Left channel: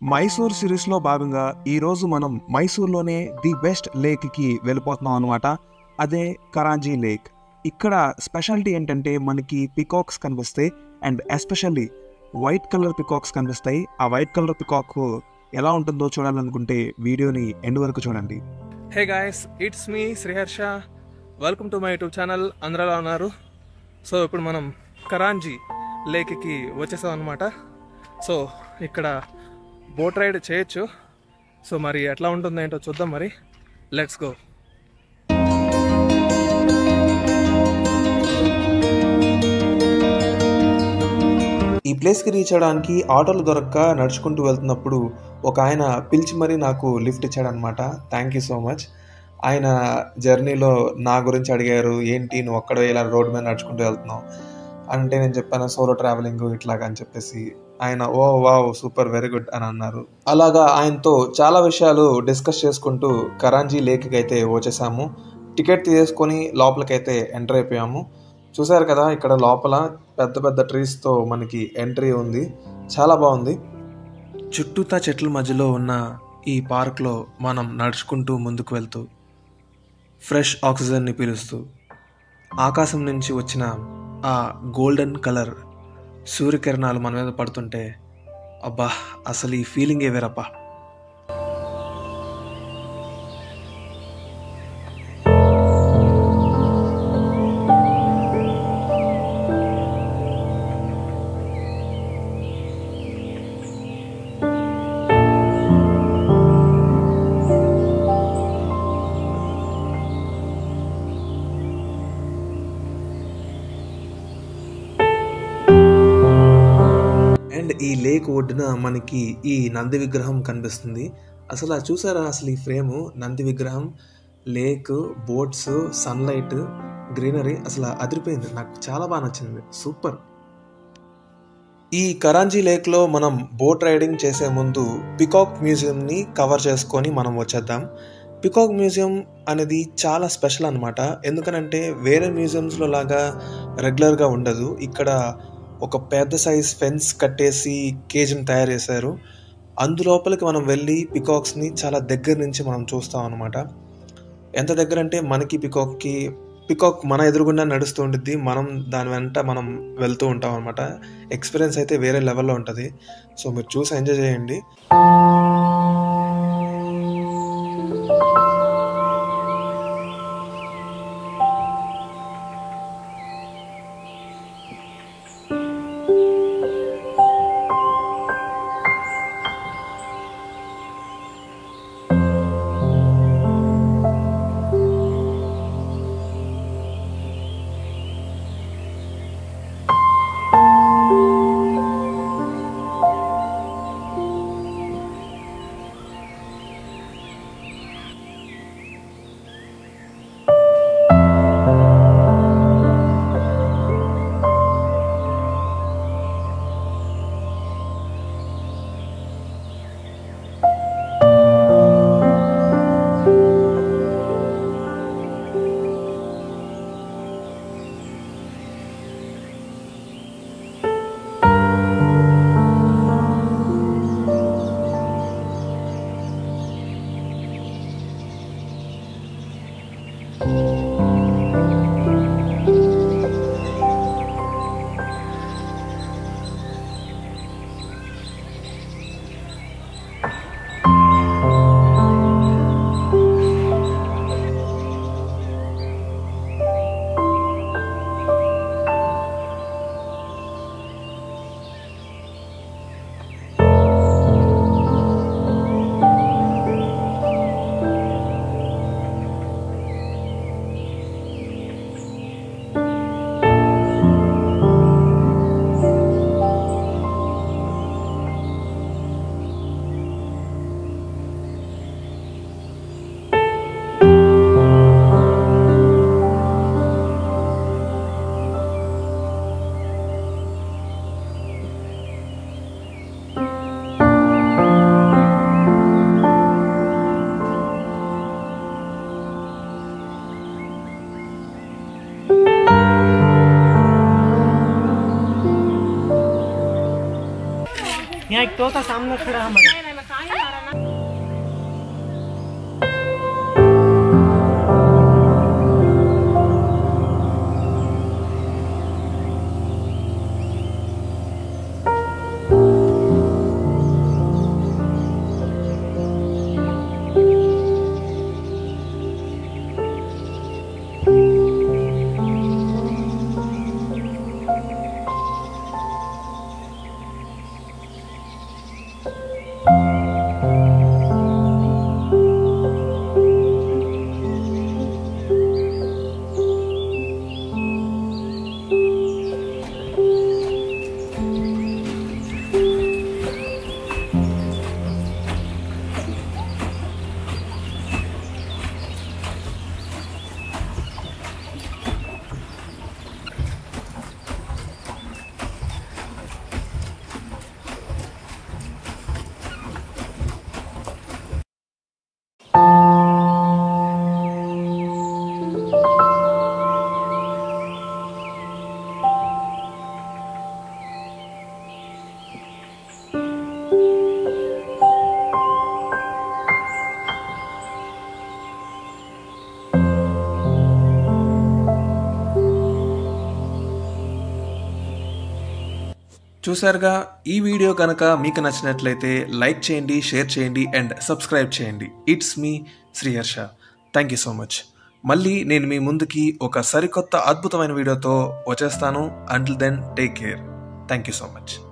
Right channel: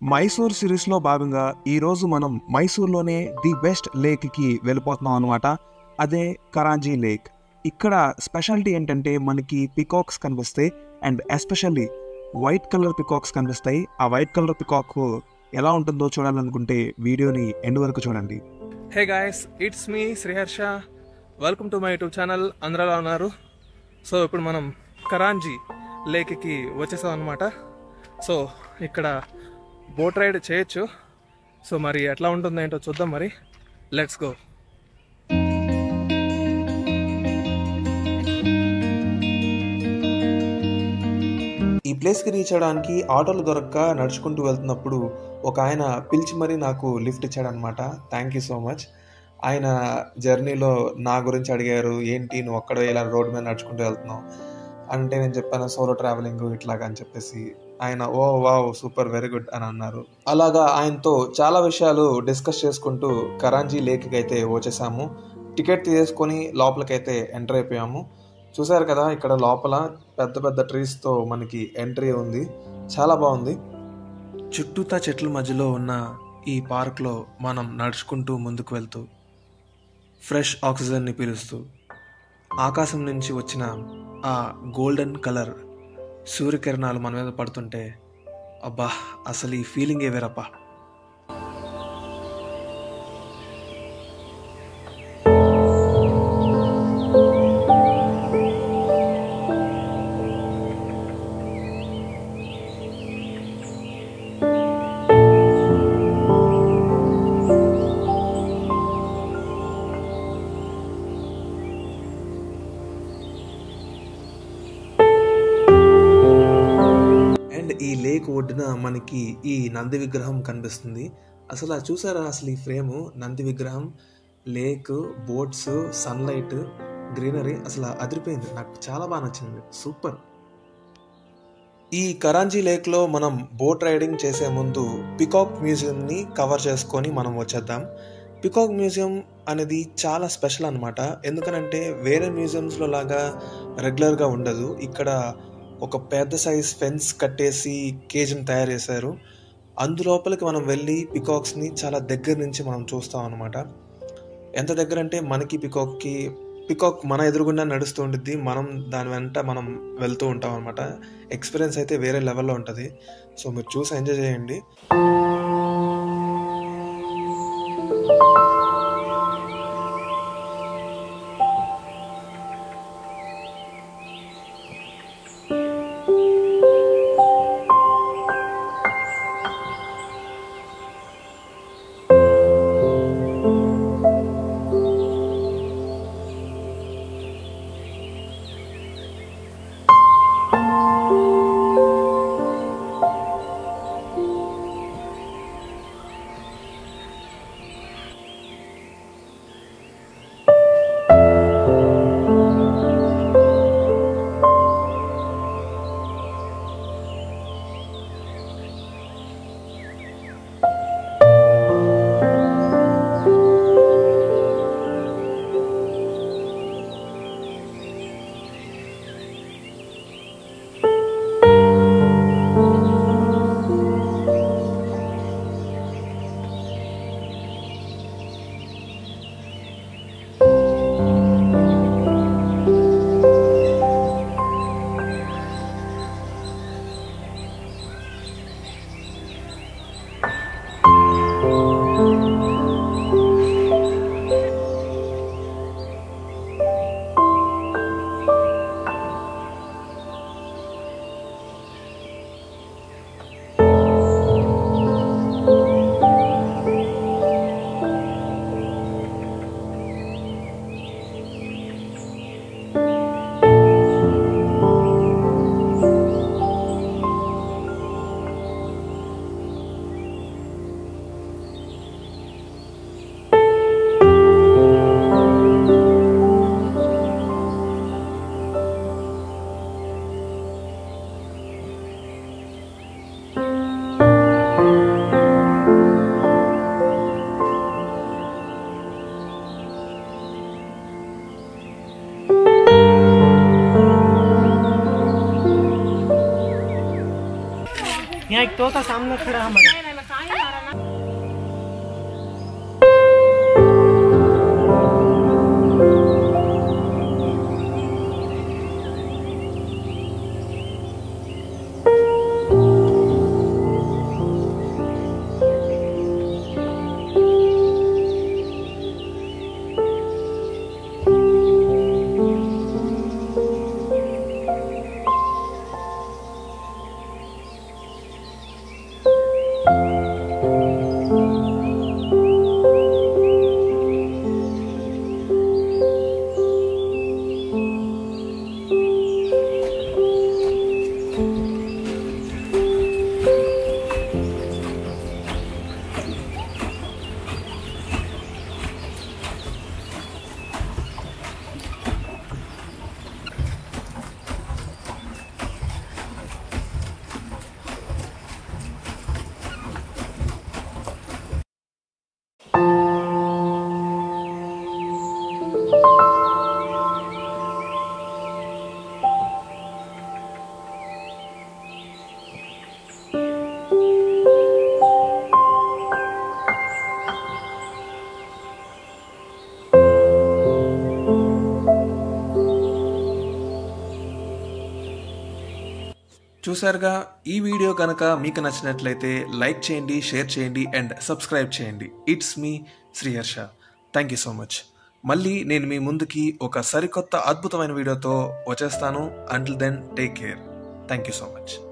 మైసూర్ సిరీస్లో భాగంగా ఈరోజు మనం మైసూర్లోనే ది బెస్ట్ లేక్కి వెళ్ళిపోతున్నాం అనమాట. అదే కరాంజీ లేక్. ఇక్కడ స్పెషాలిటీ ఏంటంటే మనకి పికాక్స్ కనిపిస్తాయి and especially white colour peacocks కనిపిస్తాయి. ఆ వైట్ కలర్ పికాక్ ఎలా ఉంటుందో చూడాలనుకుంటే వీడియోని ఎండ్ వరకు చూడండి. Hey guys, it's me Sriharsha. Welcome to my YouTube channel. అందరూ ఎలా ఉన్నారు? సో ఇప్పుడు మనం కరాంజీ లేక్కి వచ్చేసాం అనమాట. సో ఇక్కడ బోట్ రైడ్ చేయొచ్చు. సో మరి ఎట్లా ఉంటుందో ఏంటో చూద్దాం. మరి లెట్స్ గో. ఈ ప్లేస్కి రీచ్ అవ్వడానికి ఆటోలు దొరక్క నడుచుకుంటూ వెళ్తున్నప్పుడు ఒక ఆయన పిలిచి మరీ నాకు లిఫ్ట్ ఇచ్చాడనమాట. Thank you so much. ఆయన జర్నీలో నా గురించి అడిగారు, ఏంటి నువ్వు ఒక్కడే ఇలా రోడ్డు మీద నడుచుకుంటూ వెళ్తున్నావు అంటే నేను చెప్పాను సోలో ట్రావెలింగ్ ఇట్లాగా అని చెప్పేసి ఆయన ఓ వావ్ సూపర్ వెరీ గుడ్ అని అన్నారు. అలాగా ఆయనతో చాలా విషయాలు డిస్కస్ చేసుకుంటూ కరాంజీ లేక్కి అయితే వచ్చేసాము. టికెట్ తీసుకొని లోపలికైతే ఎంటర్ అయిపోయాము. చూసారు కదా, ఇక్కడ లోపల పెద్ద పెద్ద ట్రీస్తో మనకి ఎంట్రీ ఉంది. చాలా బాగుంది. చుట్టూతా చెట్ల మధ్యలో ఉన్న ఈ పార్క్లో మనం నడుచుకుంటూ ముందుకు వెళ్తూ ఫ్రెష్ ఆక్సిజన్ని పీలుస్తూ ఆకాశం నుంచి వచ్చిన ఆ గోల్డెన్ కలర్ సూర్యకిరణాలు మన మీద పడుతుంటే అబ్బా అసలు ఈ ఫీలింగే వేరప్పా. ఈ లేక్ ఒడ్డున మనకి ఈ నంది విగ్రహం కనిపిస్తుంది. అసలు అది చూసారా, అసలు ఈ ఫ్రేము నంది విగ్రహం, లేక్, బోట్స్, సన్లైట్, గ్రీనరీ అసలు అదిరిపోయింది. నాకు చాలా బాగా నచ్చింది. సూపర్. ఈ కరాంజీ లేక్లో మనం బోట్ రైడింగ్ చేసే ముందు పికాక్ మ్యూజియంని కవర్ చేసుకొని మనం వచ్చేద్దాం. పికాక్ మ్యూజియం అనేది చాలా స్పెషల్ అనమాట. ఎందుకనంటే వేరే మ్యూజియంస్లో లాగా రెగ్యులర్గా ఉండదు. ఇక్కడ ఒక పెద్ద సైజ్ ఫెన్స్ కట్టేసి కేజ్ని తయారు చేశారు. అందులోపలికి మనం వెళ్ళి పికాక్స్ని చాలా దగ్గర నుంచి మనం చూస్తాం అనమాట. ఎంత దగ్గర అంటే మనకి పికాక్ మన ఎదురుగుండా నడుస్తూ ఉంటుంది, మనం దాని వెంట మనం వెళ్తూ ఉంటాం అనమాట. ఎక్స్పీరియన్స్ అయితే వేరే లెవెల్లో ఉంటుంది. సో మీరు చూసి ఎంజాయ్ చేయండి. यहाँ एक तोता सामने खड़ा हमारे। చూసారుగా, ఈ వీడియో కనుక మీకు నచ్చినట్లయితే లైక్ చేయండి, షేర్ చేయండి అండ్ సబ్స్క్రైబ్ చేయండి. It's me Sriharsha. Thank you so much. మళ్ళీ నేను మీ ముందుకి ఒక సరికొత్త అద్భుతమైన వీడియోతో వచ్చేస్తాను. Until then take care. Thank you so much.